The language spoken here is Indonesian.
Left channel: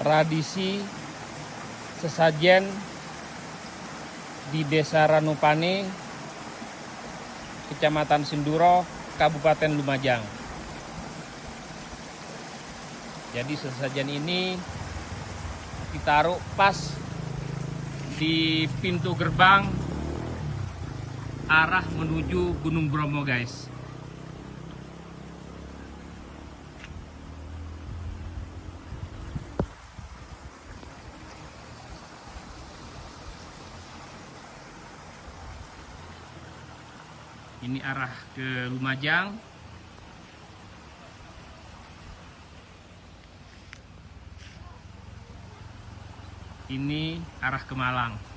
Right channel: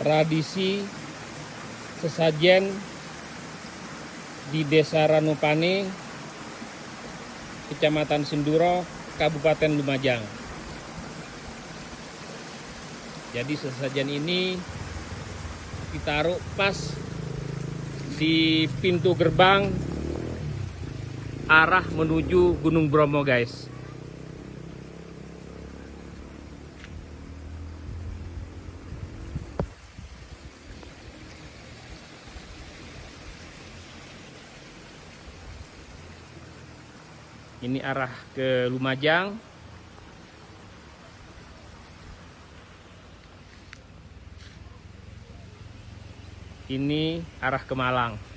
tradisi sesajen di Desa Ranupane, Kecamatan Sinduro, Kabupaten Lumajang. Jadi sesajen ini ditaruh pas di pintu gerbang arah menuju Gunung Bromo, guys. Ini arah ke Lumajang. Ini arah ke Malang.